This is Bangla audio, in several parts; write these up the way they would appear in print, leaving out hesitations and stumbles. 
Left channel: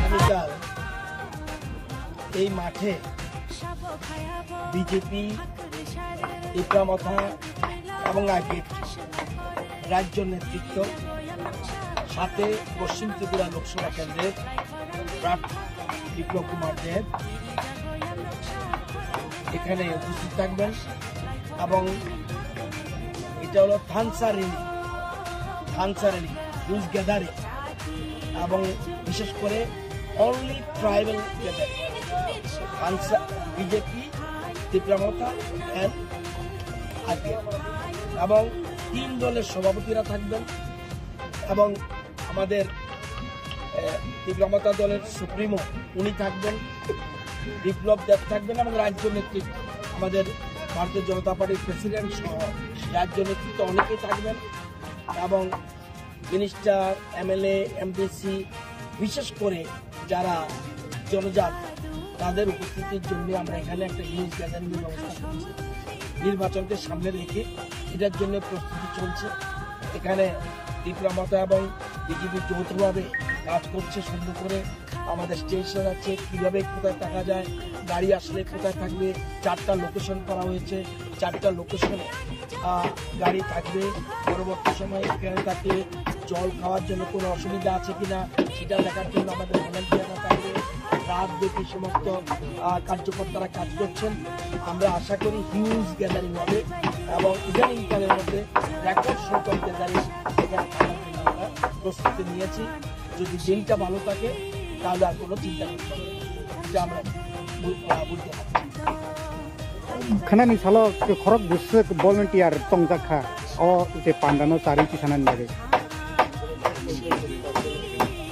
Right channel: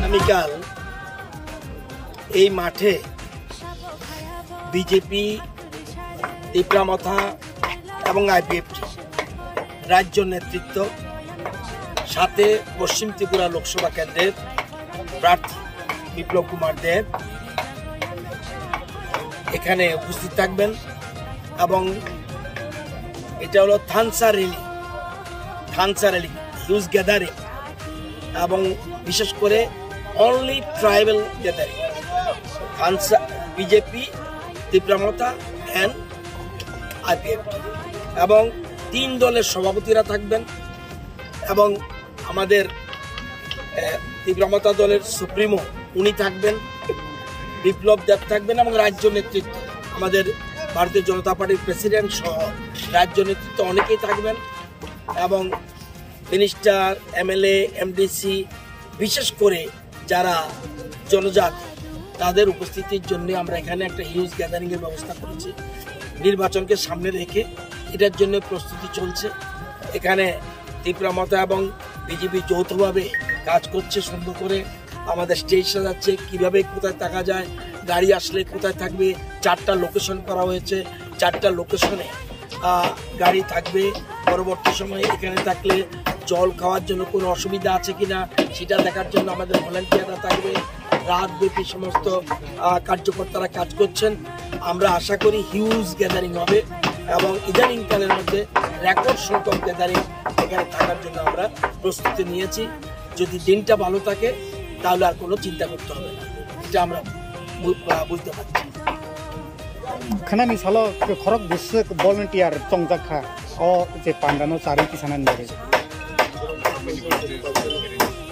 আগামীকাল এই মাঠে বিজেপি, তীব্রামথা এবং আইপিএফটি রাজ্য নেতৃত্ব, সাথে পশ্চিম ত্রিপুরা লোকসভা কেন্দ্রের প্রার্থী বিপ্লব কুমার দেব এখানে উপস্থিত থাকবেন এবং এটা হলো থানসা র্যালি, হিউজ গ্যাদারিং এবং বিশেষ করে only tribal gathering, Thansa, BJP, Tipra Motha and IPFT এবং 3 দলের সভাপতিরা থাকবেন এবং আমাদের তীব্রামথা দলের সুপ্রিমো উনি থাকবেন, বিপ্লব দেব থাকবেন এবং রাজ্য নেতৃত্ব আমাদের ভারতীয় জনতা পার্টির প্রেসিডেন্ট সহ রাজ্য নেতৃত্ব অনেকেই থাকবেন এবং মিনিস্টার, এমএলএ, এমডিসি, বিশেষ করে যারা জনজাতি তাদের উপস্থিতির জন্য আমরা এখানে একটা হিউজ গ্যাদারিংয়ের ব্যবস্থা করেছি। নির্বাচনকে সামনে রেখে এটার জন্য প্রস্তুতি চলছে। এখানে তীব্রামথা এবং বিজেপি যৌথভাবে কাজ করছে, সুন্দর করে আমাদের স্টেজ সাজাচ্ছে, কীভাবে কোথায় থাকা যায়, গাড়ি আসলে কোথায় থাকবে, 4টা লোকেশন করা হয়েছে, 4টা লোকেশনে গাড়ি থাকবে। পরবর্তী সময়ে এখানে থাকলে জল খাওয়ার জন্য কোনো অসুবিধা আছে কিনা সেটা দেখার জন্য আমাদের ভলেন্টিয়াররা থাকবে। রাতব্যাপী সমস্ত কার্যকর্তারা কাজ করছেন। আমরা আশা করি হিউজ গ্যাদারিং হবে এবং ইদানিংকালের মধ্যে রেকর্ড সংখ্যক গ্যাদারিং এখানে থাকার জন্য আমরা প্রস্তুতি নিয়েছি। যদি দিনটা ভালো থাকে তাহলে আর কোনো চিন্তা করতে হবে না, এটা আমরা বুঝতে পারছি। খানানি সালো খরক বিশ্ব ভলেন্টিয়ার তংজাখা ও যে পান্ডানো চারি কিসানান ধরে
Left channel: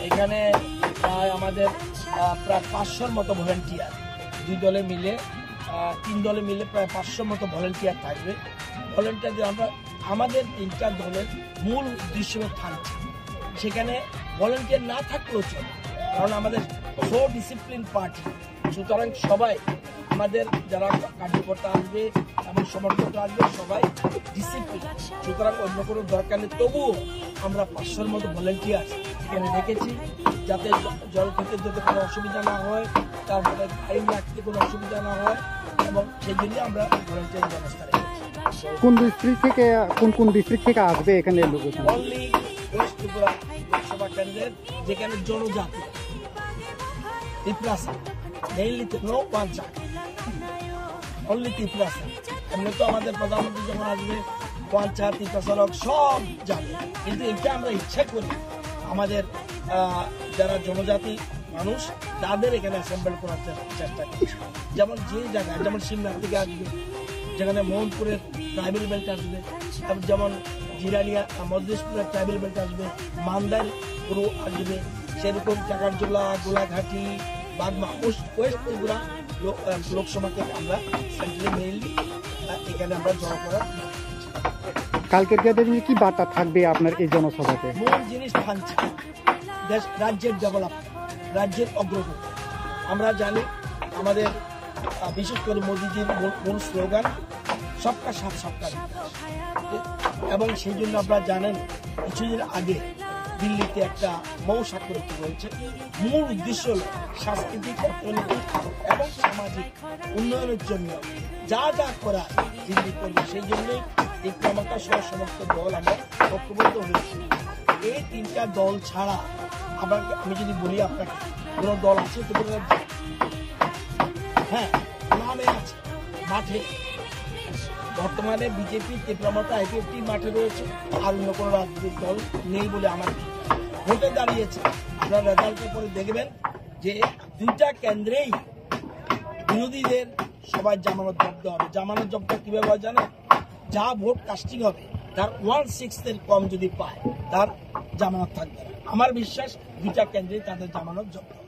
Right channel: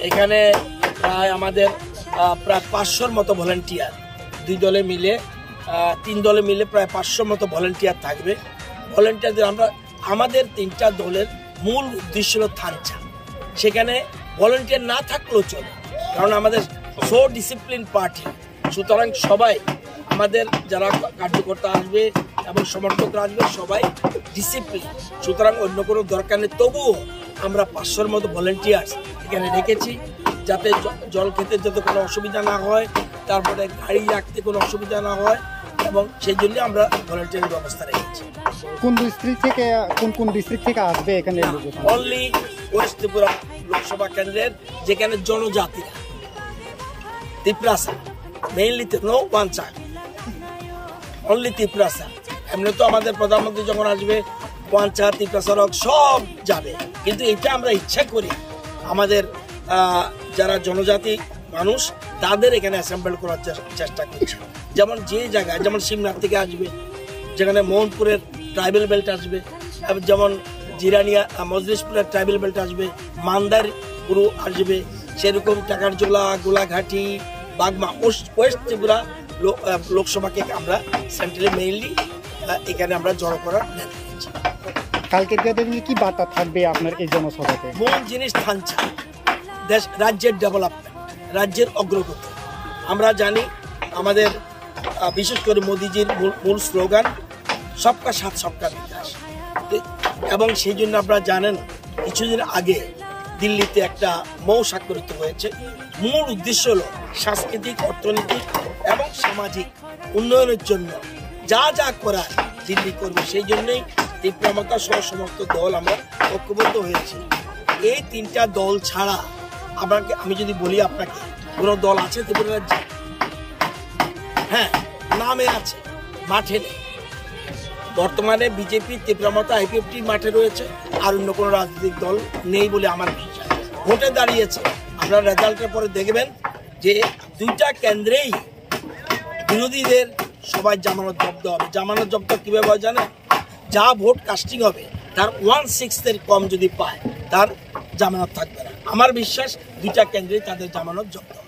এখানে প্রায় আমাদের প্রায় 500-র মতো ভলেন্টিয়ার, 2 দলে মিলে 3 দলে মিলে প্রায় 500 মতো ভলেন্টিয়ার থাকবে। ভলেন্টিয়ারদের আমরা আমাদের 3টা দলের মূল উদ্দেশ্য হলো থানচা, সেখানে ভলেন্টিয়ার না থাকলেও চলে, কারণ আমাদের সো ডিসিপ্লিন পার্টি, সুতরাং সবাই আমাদের যারা কার্যকর্তা আসবে এবং সমর্থকরা আসবে সবাই ডিসিপ্লিন, সুতরাং অন্য কোনো দরকার নেই। তবুও আমরা 500-র মতো ভলেন্টিয়ার্স এখানে রেখেছি যাতে জল খেতে যাতে কোনো অসুবিধা না হয়, তারপরে গাড়ি রাখতে কোনো অসুবিধা না হয়, এবং সেই জন্য আমরা ভলেন্টিয়ারের ব্যবস্থা রেখেছি। কোন ডিস্ট্রিক্ট থেকে আসবে এখানে? অনলি ওয়েস্ট ত্রিপুরা লোকসভা কেন্দ্রের যেখানে জনজাতি Tripurasa, mainly no পাঞ্চা, only Tripurasa. এমনি তো আমাদের প্রধানমন্ত্রী যখন আসবে পাঞ্চা, ত্রিপুরাসা সব যাবে, কিন্তু এটা আমরা ইচ্ছা করি আমাদের যারা জনজাতি মানুষ তাদের এখানে অ্যাসেম্বল করার চেষ্টা করছি। যেমন যে জায়গায়, যেমন সিমনাথ থেকে আসবে, যেখানে মোহনপুরের ট্রাইবেল বেল্ট আসবে, যেমন জিরানিয়া মজলিশপুরের ট্রাইবেল বেল্ট আসবে, মান্দার পুরো আসবে, সেরকম টাকারজোলা, গোলাঘাটি, বাগমা, ওয়েস্ট ত্রিপুরা লোকসভাকে আমরা সেন্ট্রালি মেইনলি এখানে আমরা জড়ো করার নিয়েছি। কালকের দিনে কি বার্তা থাকবে আপনার এই জনসভাতে? মূল জিনিস থানচা, দেশ রাজ্যের ডেভেলপমেন্ট, রাজ্যের অগ্রগতি। আমরা জানি আমাদের বিশেষ করে মোদিজির মূল স্লোগান সবকা সাথ সবকা বিকাশ, এবং সেই জন্য আপনারা জানেন কিছুদিন আগে দিল্লিতে একটা মৌ স্বাক্ষরিত হয়েছে। মূল উদ্দেশ্য হল সাংস্কৃতিক, অর্থনৈতিক এবং সামাজিক উন্নয়নের জন্য যা যা করার দিল্লি করবে। সেই জন্যই তীব্রামথা সহ সমস্ত দল আমরা ঐক্যবদ্ধ হয়েছি। এই 3টা দল ছাড়া আমি যদি বলি আপনাকে, কোনো দল আছে ত্রিপুরা রাজ্যে? হ্যাঁ, নামে আছে, মাঠে নেই। বর্তমানে বিজেপি, তীব্রামথা, আইপিএফটি মাঠে রয়েছে, আর অন্য কোনো রাজনৈতিক দল নেই বলে আমার বিশ্বাস। ভোটে দাঁড়িয়েছে, আপনারা রেজাল্টের পরে দেখবেন যে 2টা কেন্দ্রেই বিরোধীদের সবাই জামানত জব্দ হবে। জামানত জব্দ কীভাবে হয় জানেন? যা ভোট কাস্টিং হবে তার 1/6 কম যদি পায়, তার জামানত থাকবে না। আমার বিশ্বাস দুইটা কেন্দ্রে তাদের জামানত জব্দ হবে।